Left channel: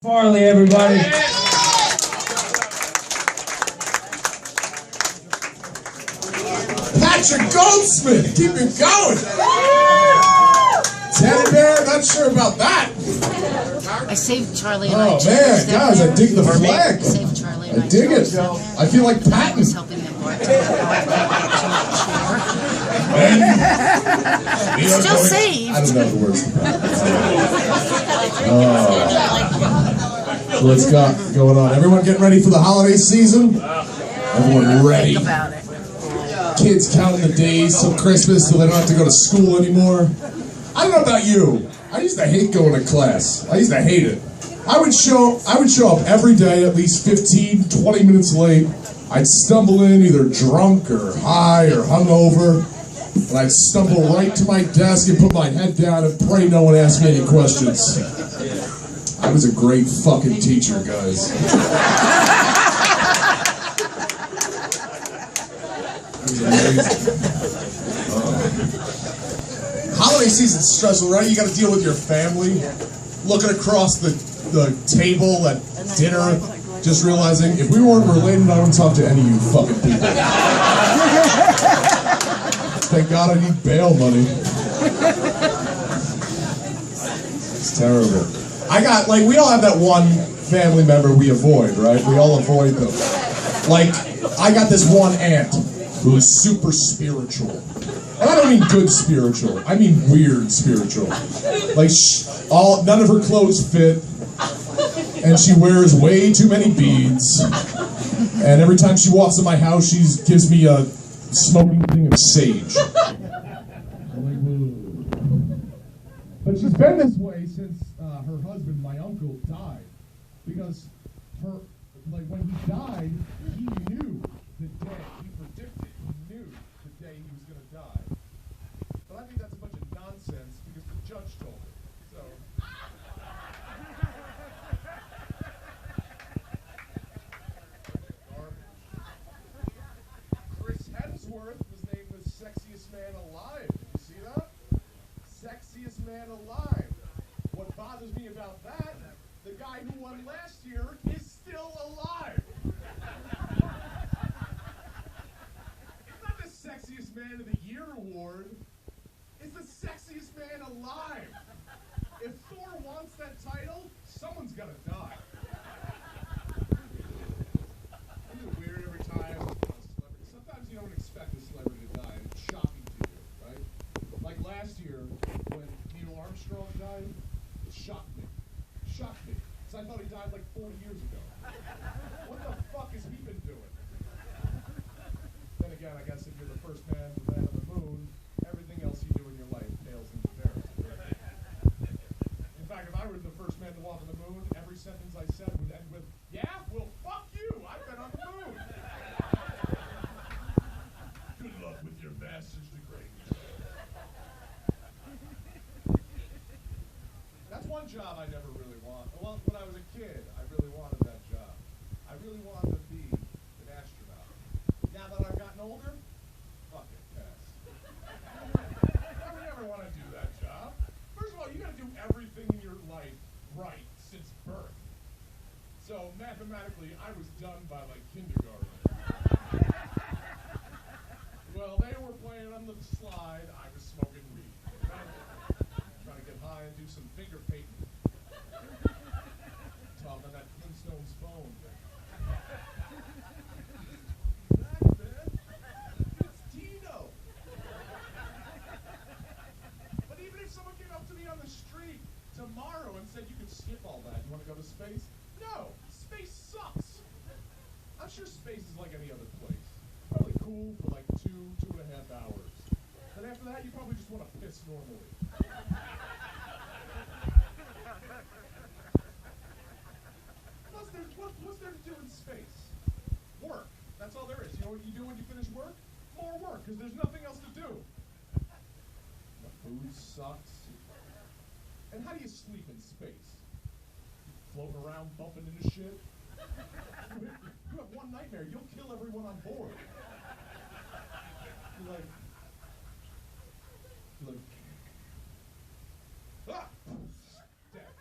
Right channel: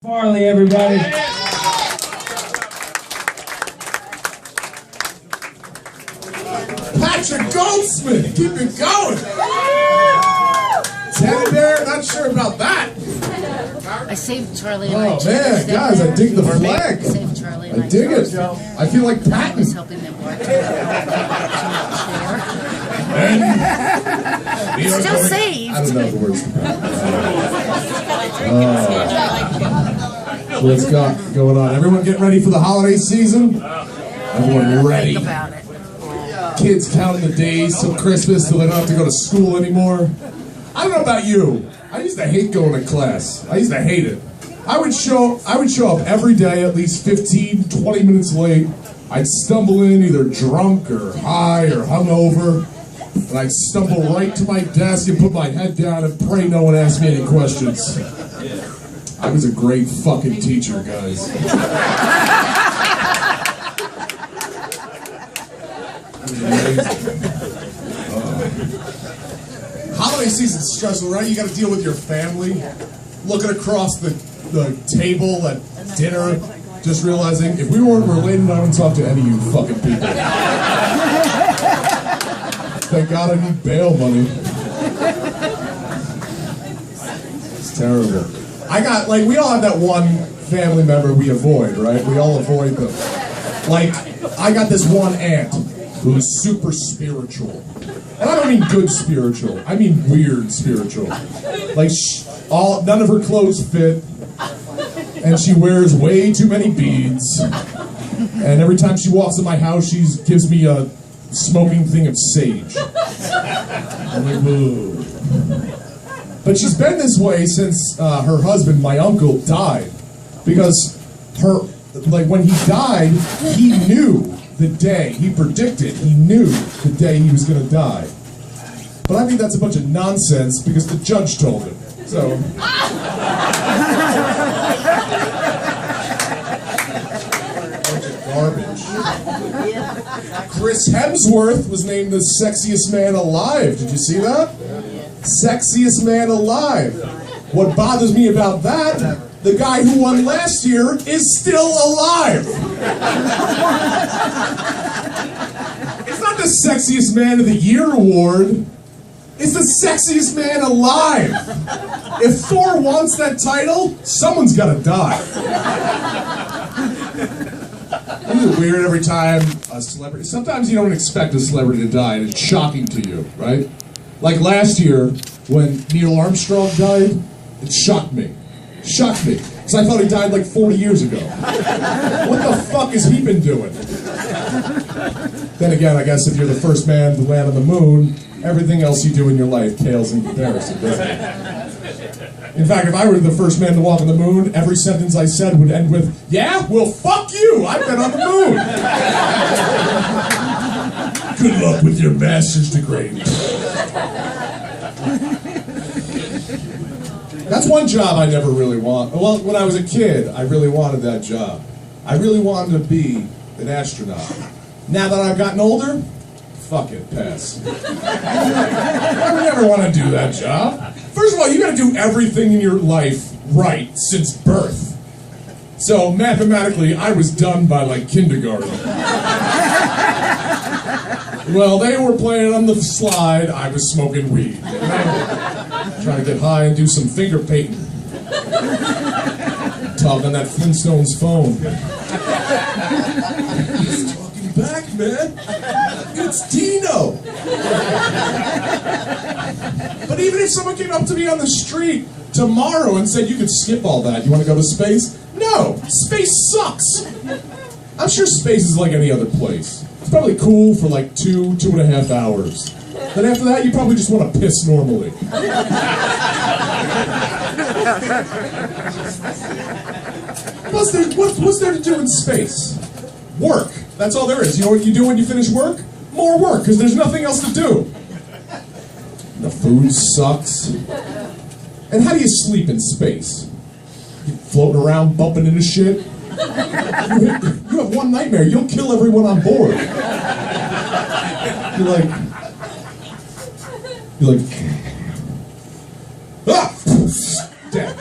Farley, everybody. Patrick Goldsmith, keep it going. Teddy Bear, not sure about that. I saved Charlie and Oh man, guys, I dig the flag. I saved Charlie and I dig it. I feel like I was Patton. helping them bartend. Still saved. I don't know the words to Patton. What's got going on? Everyone getting ready for the holiday season? Everyone ready? Think about it. Kids counting the days till Christmas so they don't have to go to school anymore. I don't know about you. I used to hate going to class. I used to hate it. I would show up every day at least 15, 20 minutes late. I'd stumble in either drunk or high or hungover. And I'd stumble right to my desk and put my head down and pray no one asked me any questions. I was a great fucking teacher, guys. It was amazing. Holiday season's stressful, right? You got to deal with your family, looking across the table at dinner, just realizing if we weren't related, I wouldn't talk to any of you fucking people. Thank God I need bail money. It's terrible. We all have that one family member we avoid, right? We all avoid them. Like, I got this one aunt who's super spiritual. And I don't mean good spiritual, I mean weird spiritual. Like, none of her clothes fit, and she wears way too many beads. And every time she walks in my house, she gives me a smoking thing of sage. I'm like, whoa. But she's been this way since her husband, my uncle, died. Because when he died, he knew the day, he predicted, he knew the day he was going to die. But I think that's a bunch of nonsense because the judge told him. So. Bunch of garbage. Chris Hemsworth was named the sexiest man alive. Did you see that? Sexiest man alive. What bothers me about that, the guy who won last year is still alive. It's not the sexiest man of the year award. It's the sexiest man alive. If Thor wants that title, someone's got to die. Isn't it weird every time a celebrity... Sometimes you don't expect a celebrity to die, and it's shocking to you, right? Like last year, when Neil Armstrong died, it shocked me. Shocked me. Because I thought he died like 40 years ago. What the fuck has he been doing? Then again, I guess if you're the first man to land on the moon, everything else you do in your life pales in comparison, doesn't it? In fact, if I were the first man to walk on the moon, every sentence I said would end with, yeah, well, fuck you, I've been on the moon. Good luck with your master's degree. That's one job I never really want. Well, when I was a kid, I really wanted that job. I really wanted to be an astronaut. Now that I've gotten older, fuck it, pass. I would never want to do that job. First of all, you got to do everything in your life right since birth. So mathematically, I was done by like kindergarten. Well, they were playing on the slide, I was smoking weed. You know? Trying to get high and do some finger painting. Talk on that Flintstones phone. He's talking back, man. It's Dino. But even if someone came up to me on the street tomorrow and said, you could skip all that, you want to go to space? No, space sucks. I'm sure space is like any other place. It's probably cool for like 2.5 hours. Then after that, you probably just want to piss normally. Plus, what's there to do in space? Work. That's all there is. You know what you do when you finish work? More work, because there's nothing else to do. The food sucks. And how do you sleep in space? You floating around, bumping into shit? You have one nightmare. You'll kill everyone on board. You're like, ah! Dead.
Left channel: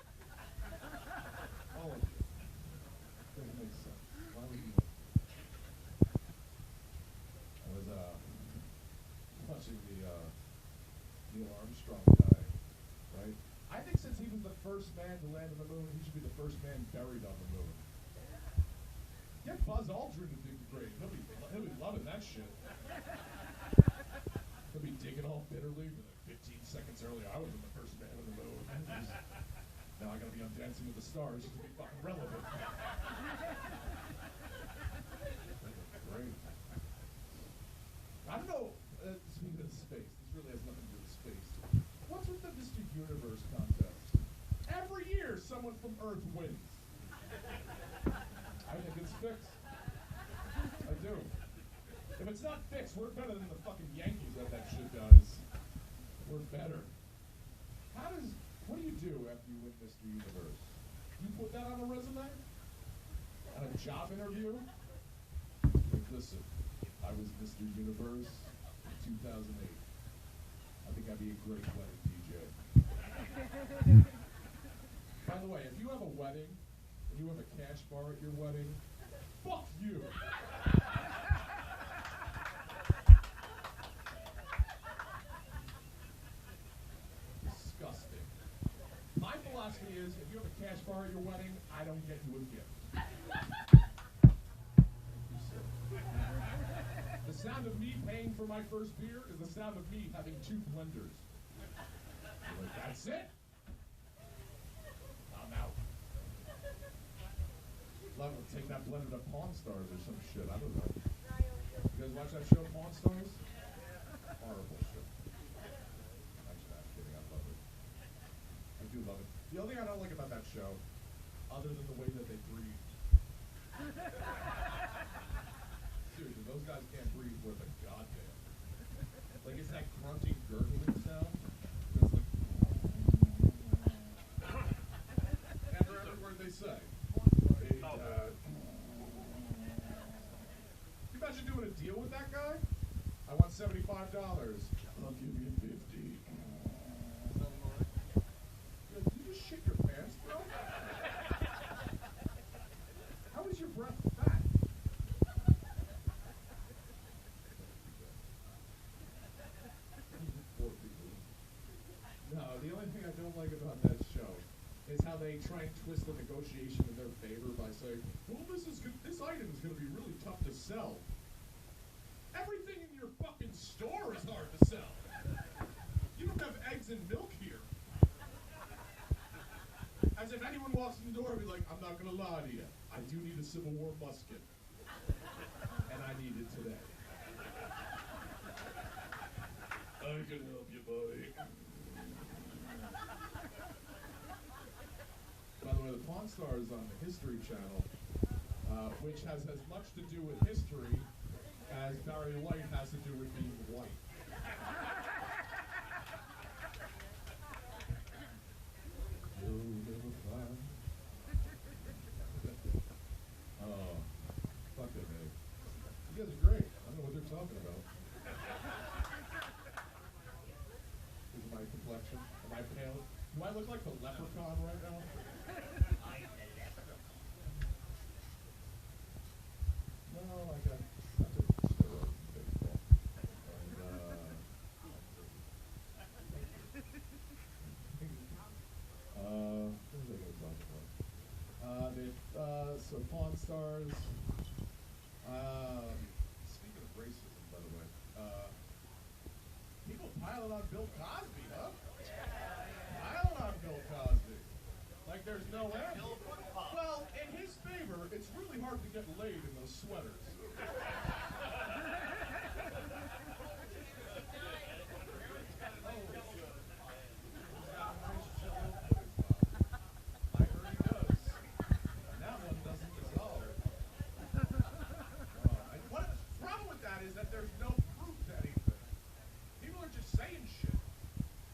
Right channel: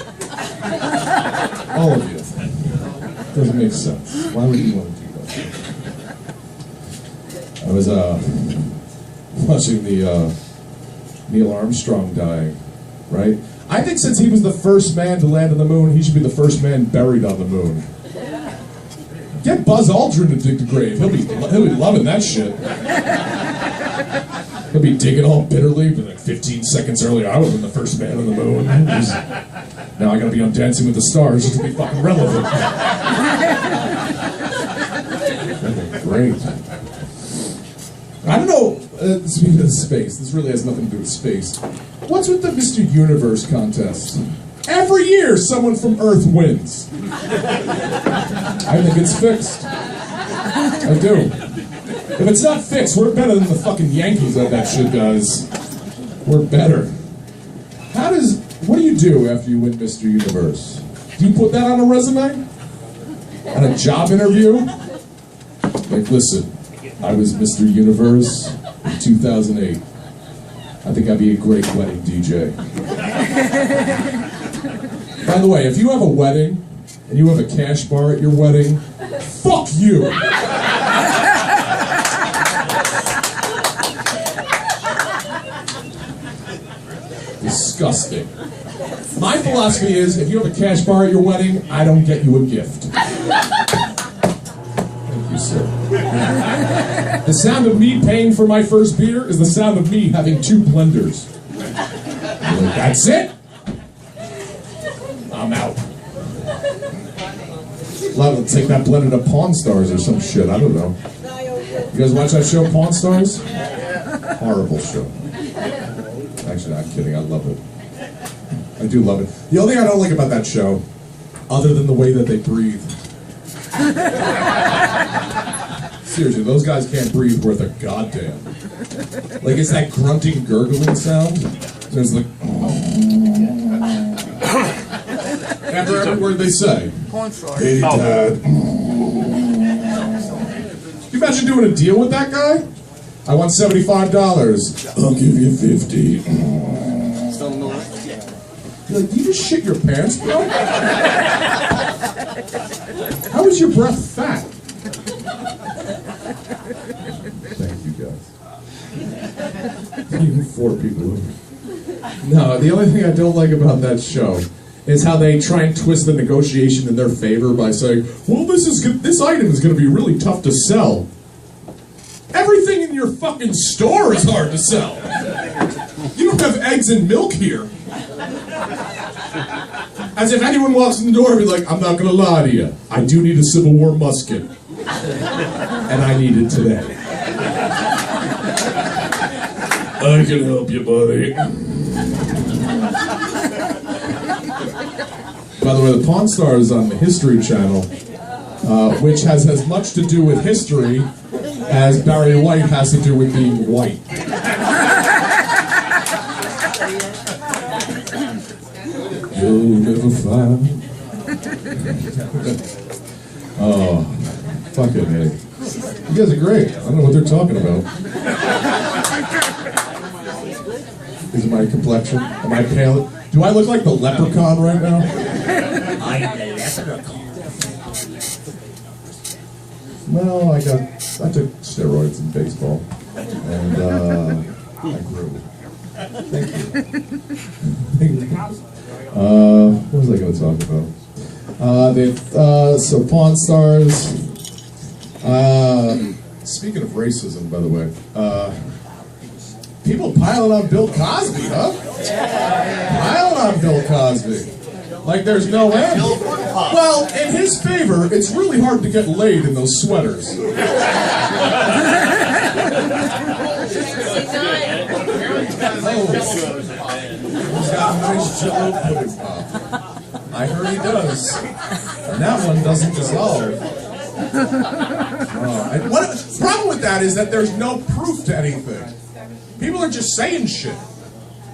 All of you. Doesn't make sense. Why would you want to do that? I was watching the Neil Armstrong dying, right? I think since he was the first man to land on the moon, he should be the first man buried on the moon. Get Buzz Aldrin to dig the grave. He'll be loving that shit. He'll be digging all bitterly, but like 15 seconds earlier, I would have been the first man on the moon. Now I gotta be on Dancing with the Stars just to be fucking relevant. Great. I don't know, speaking of space, this really has nothing to do with space. What's with the Mr. Universe contest? Every year, someone from Earth wins. I think it's fixed. I do. If it's not fixed, we're better than the fucking Yankees at that shit, guys. We're better. What do you do after you win Mr. Universe? Do you put that on a resume? On a job interview? Like, listen, I was Mr. Universe in 2008. I think I'd be a great wedding DJ. By the way, if you have a wedding, and you have a cash bar at your wedding, fuck you! Disgusting. My philosophy is, if you have a cash bar at your wedding, I don't get you a gift. Thank you, sir. The sound of me paying for my first beer is the sound of me having 2 blenders. Like, that's it? I'm out. I'll take that blended to Pawn Stars or some shit, I don't know. You guys watch that show, Pawn Stars? Horrible show. Actually, I'm kidding, I love it. I do love it. The only thing I don't like about that show, other than the way that they breathe. Seriously, those guys can't breathe worth a goddamn. Like, it's that grunting, gurgling sound. There's like... After every word they say. Hey, Dad. Can you imagine doing a deal with that guy? I want $75. I'll give you 50. You're like, do you just shit your pants, bro? How is your breath fat? Thank you, guys. Even 4 people. No, the only thing I don't like about that show is how they try and twist the negotiation in their favor by saying, well, this item is going to be really tough to sell. Everything in your fucking store is hard to sell. You don't have eggs and milk here. As if anyone walks in the door and be like, I'm not going to lie to you. I do need a Civil War musket. And I need it today. I can help you, buddy. By the way, the Pawn Stars is on the History Channel, which has as much to do with history as Barry White has to do with being white. You'll never find. Oh, fucking hey. You guys are great. I don't know what they're talking about. Is it my complexion? Am I pale? Do I look like the leprechaun right now? I am the leprechaun. Well, I took steroids in baseball, and I grew. Thank you. What was I going to talk about? So Pawn Stars. Speaking of racism, by the way, people piling on Bill Cosby, huh? Piling on Bill Cosby. Like there's no end. Well, in his favor, it's really hard to get laid in those sweaters. He's got a nice jello pudding pop. I heard he does. And that one doesn't dissolve. The problem with that is that there's no proof to anything. People are just saying shit.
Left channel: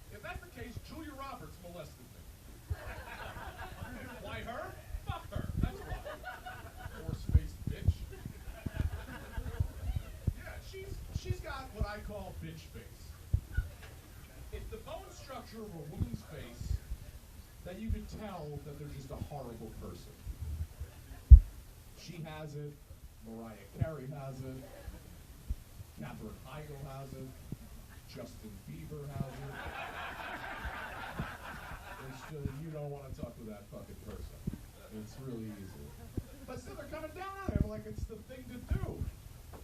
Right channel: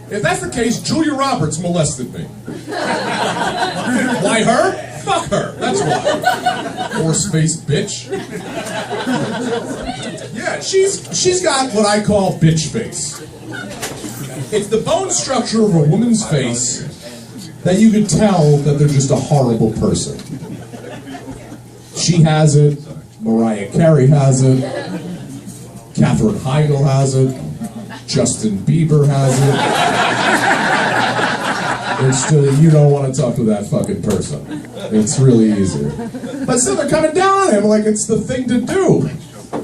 If that's the case, Julia Roberts molested me. Why her? Fuck her. That's why. Horse-faced bitch. Yeah, she's got what I call bitch face. It's the bone structure of a woman's face that you could tell that they're just a horrible person. She has it, Mariah Carey has it, Katherine Heigl has it, Justin Bieber has it. It's just, you don't want to talk to that fucking person. It's really easy. But still, they're coming down on him like it's the thing to do.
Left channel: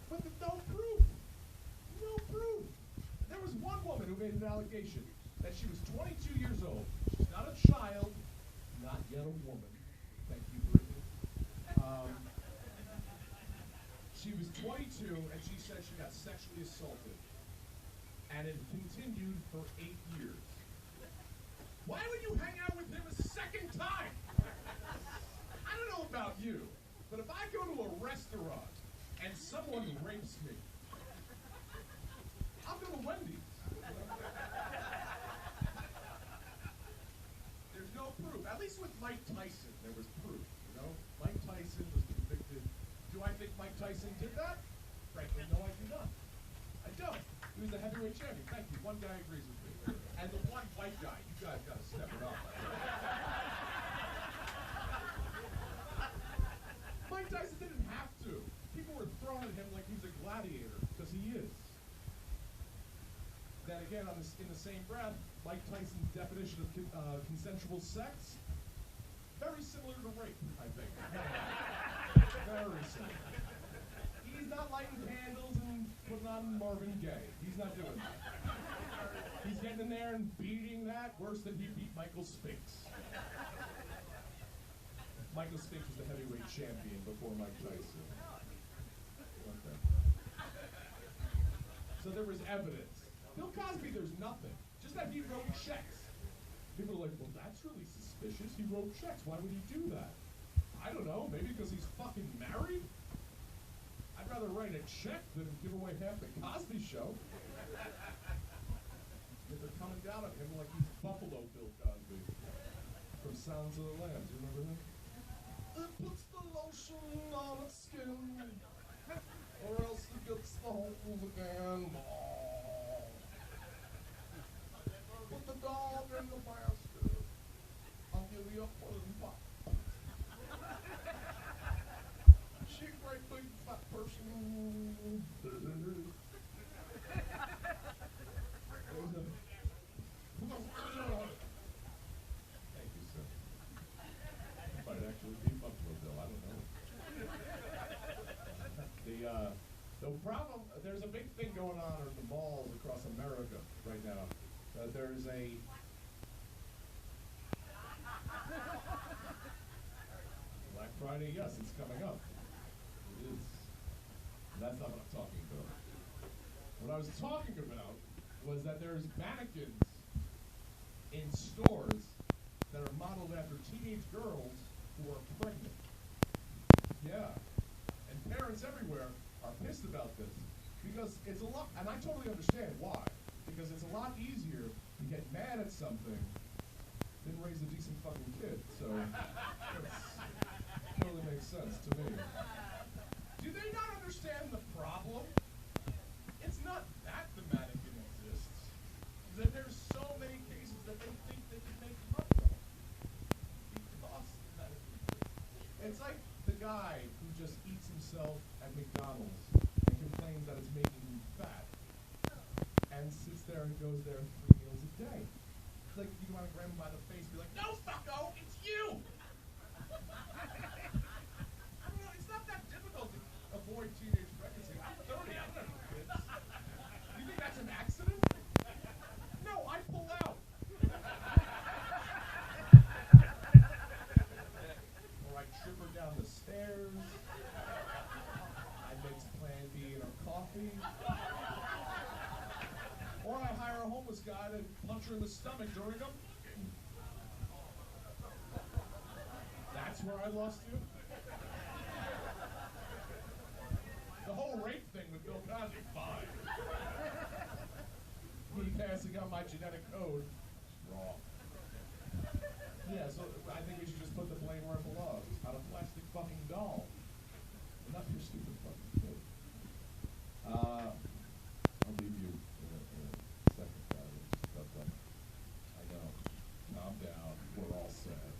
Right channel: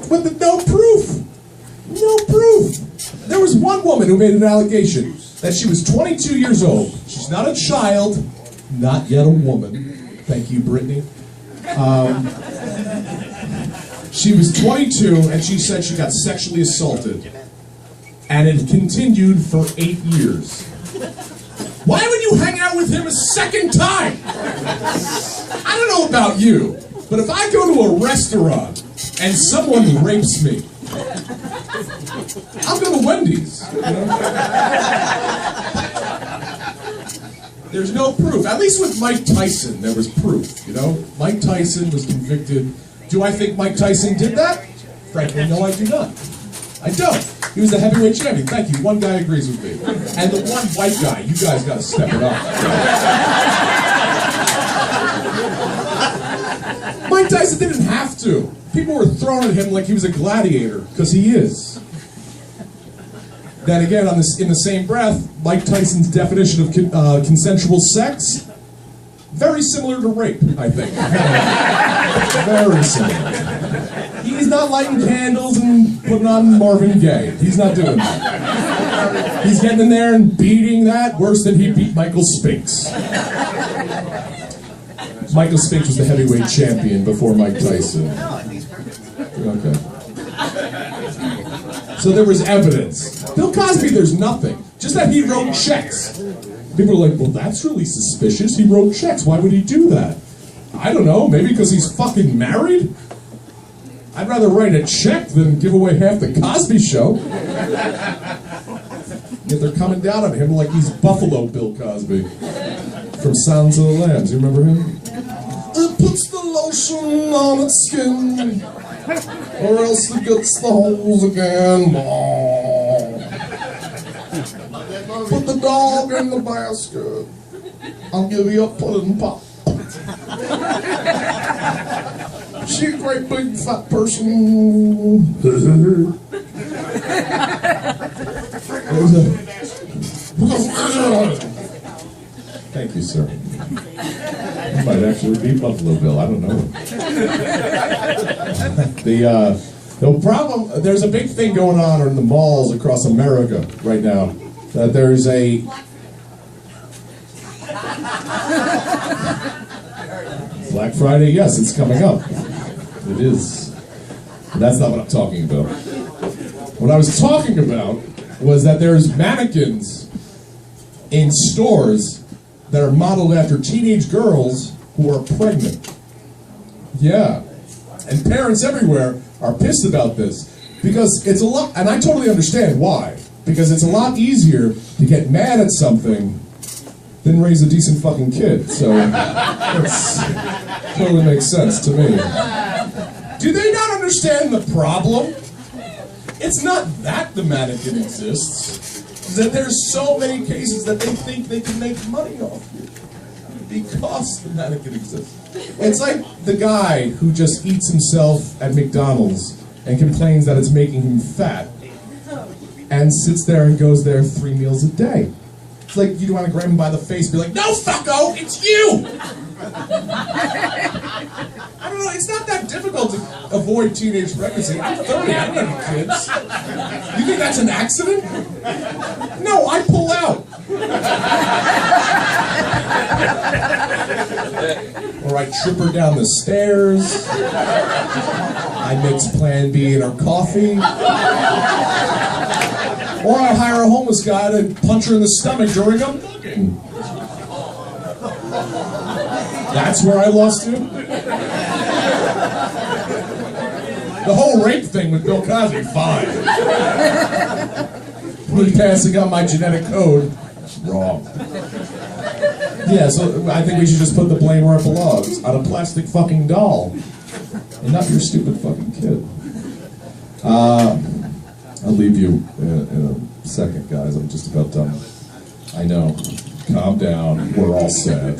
With no proof. No proof. There was one woman who made an allegation that she was 22 years old. She's not a child, not yet a woman. Thank you, Brittany. She was 22, and she said she got sexually assaulted. And it continued for 8 years. Why would you hang out with him a second time? I don't know about you, but if I go to a restaurant and someone rapes me, I'll go to Wendy's. You know? There's no proof. At least with Mike Tyson, there was proof. You know, Mike Tyson was convicted. Do I think Mike Tyson did that? Frankly, no, I do not. I don't. He was a heavyweight champion. Thank you. One guy agrees with me. And the one white guy, you guys got to step it up. Mike Tyson didn't have to. People were throwing at him like he was a gladiator, because he is. Then again, in the same breath, Mike Tyson's definition of consensual sex, very similar to rape, I think. Very similar. He's not lighting candles and putting on Marvin Gaye. He's not doing that. He's getting in there and beating that worse than he beat Michael Spinks. Michael Spinks was the heavyweight champion before Mike Tyson. Okay. So there was evidence. Bill Cosby, there's nothing. Just that he wrote checks. People are like, well, that's really suspicious. He wrote checks. Why would he do that? I don't know. Maybe because he's fucking married? I'd rather write a check than give away half the Cosby Show. Yet they're coming down on him like he's Buffalo Bill Cosby from Sounds of the Lambs. You remember him? It puts the lotion on its skin, or else it gets the holes again. Put the dog in the basket. I'll give you a pudding pop. She a great big fat person. Thank you, sir. You might actually be Buffalo Bill. I don't know. The problem, there's a big thing going on in the malls across America right now. That there's a Black Friday, yes, it's coming up. It is. But that's not what I'm talking about. What I was talking about was that there's mannequins in stores that are modeled after teenage girls who are pregnant. Yeah. And parents everywhere are pissed about this because it's a lot, and I totally understand why. Because it's a lot easier to get mad at something than raise a decent fucking kid. So it totally makes sense to me. Do they not understand the problem? It's not that the mannequin exists. It's that there's so many cases that they think they can make money off you because the mannequin exists. It's like the guy who just eats himself at McDonald's and complains that it's making him fat and sits there and goes there 3 meals a day. It's like you want to grab him by the face and be like, no, fucko, it's you! I don't know, it's not that difficult to avoid teenage pregnancy. I'm 30, I don't have any kids. You think that's an accident? No, I pull out. Or I trip her down the stairs. I mix Plan B in her coffee. Or I hire a homeless guy to punch her in the stomach during a booking. That's where I lost you? The whole rape thing with Bill Cosby, fine. Me passing on my genetic code, wrong. Yeah, so I think we should just put the blame where it belongs, on a plastic fucking doll, and not your stupid fucking kid. I'll leave you in a second, guys. I'm just about done. I know. calm down. We're all sad.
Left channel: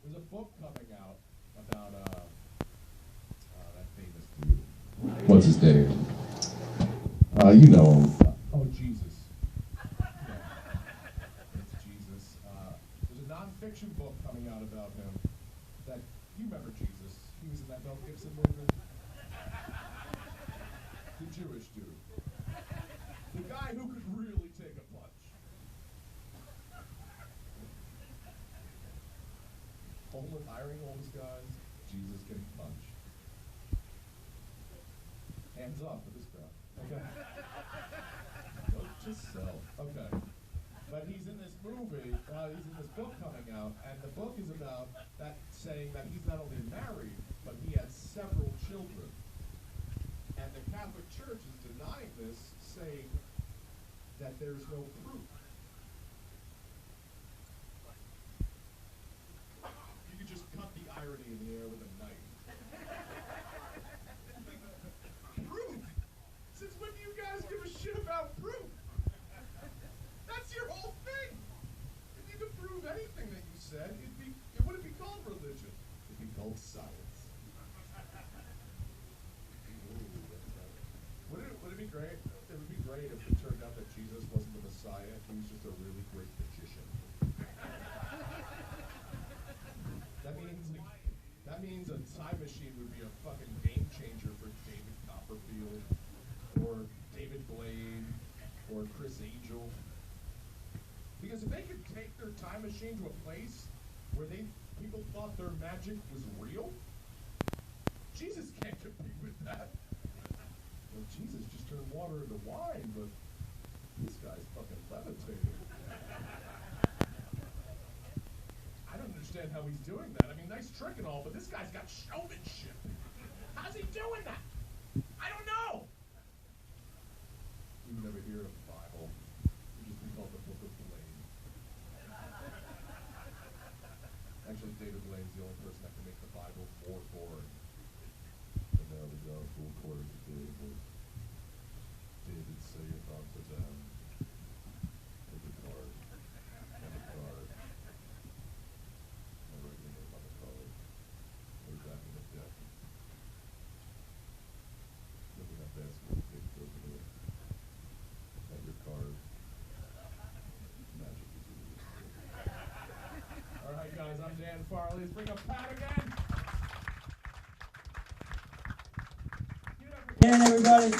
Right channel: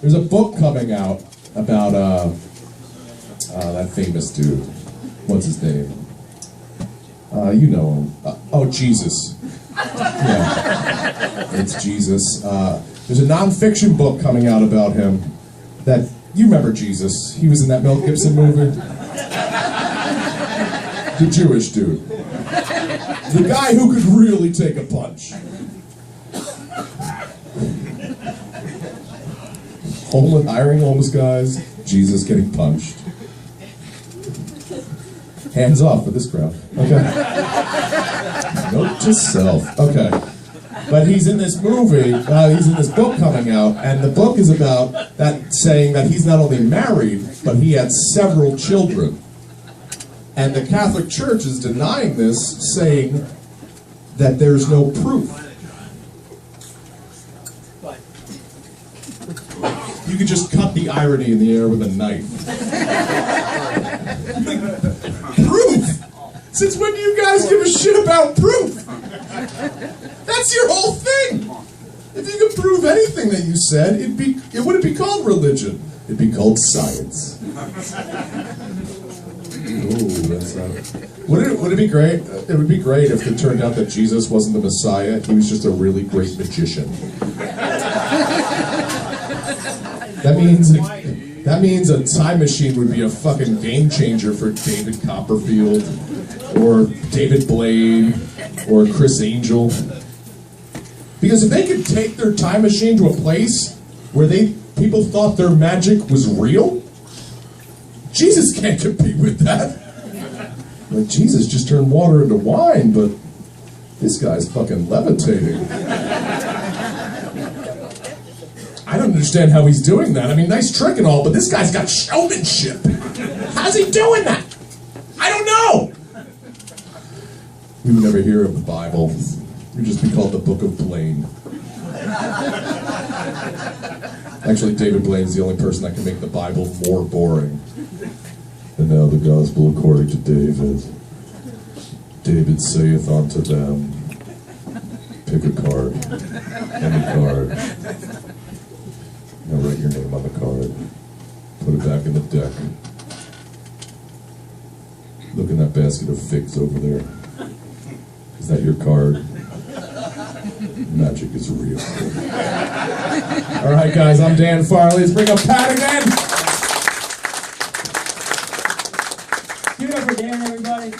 There's a book coming out about that famous dude. What's his name? You know him. Oh, Jesus. Yeah, it's Jesus. There's a nonfiction book coming out about him. That you remember Jesus? He was in that Mel Gibson movie. The Jewish dude. The guy who could really take a punch. Hiring homeless guys, Jesus getting punched. Hands off with this crowd. Okay. Note to self. Okay. But he's in this movie, he's in this book coming out, and the book is about that, saying that he's not only married, but he had several children. And the Catholic Church is denying this, saying that there's no proof. You could just cut the irony in the air with a knife. Proof? Since when do you guys give a shit about proof? That's your whole thing. If you could prove anything that you said, it wouldn't be called religion. It'd be called science. Ooh, that's not... Would it be great? It would be great if it turned out that Jesus wasn't the Messiah. He was just a really great magician. That means a time machine would be a fucking game changer for David Copperfield, or David Blaine, or Chris Angel. Because if they could take their time machine to a place where people thought their magic was real, Jesus can't compete with that. Like, Jesus just turned water into wine, but this guy's fucking levitating. I don't understand how he's doing that. I mean, nice trick and all, but this guy's got showmanship. How's he doing that? I don't know. We would never hear of the Bible. It would just be called the Book of Blaine. Actually, David Blaine's the only person that can make the Bible more boring. And now the gospel according to David. David saith unto them, pick a card, any card. Now write your name on the card. Put it back in the deck. Look in that basket of figs over there. Is that your card? Magic is real. All right, guys, I'm Dan Farley. Let's bring up Pat again. Give it up for Dan, everybody.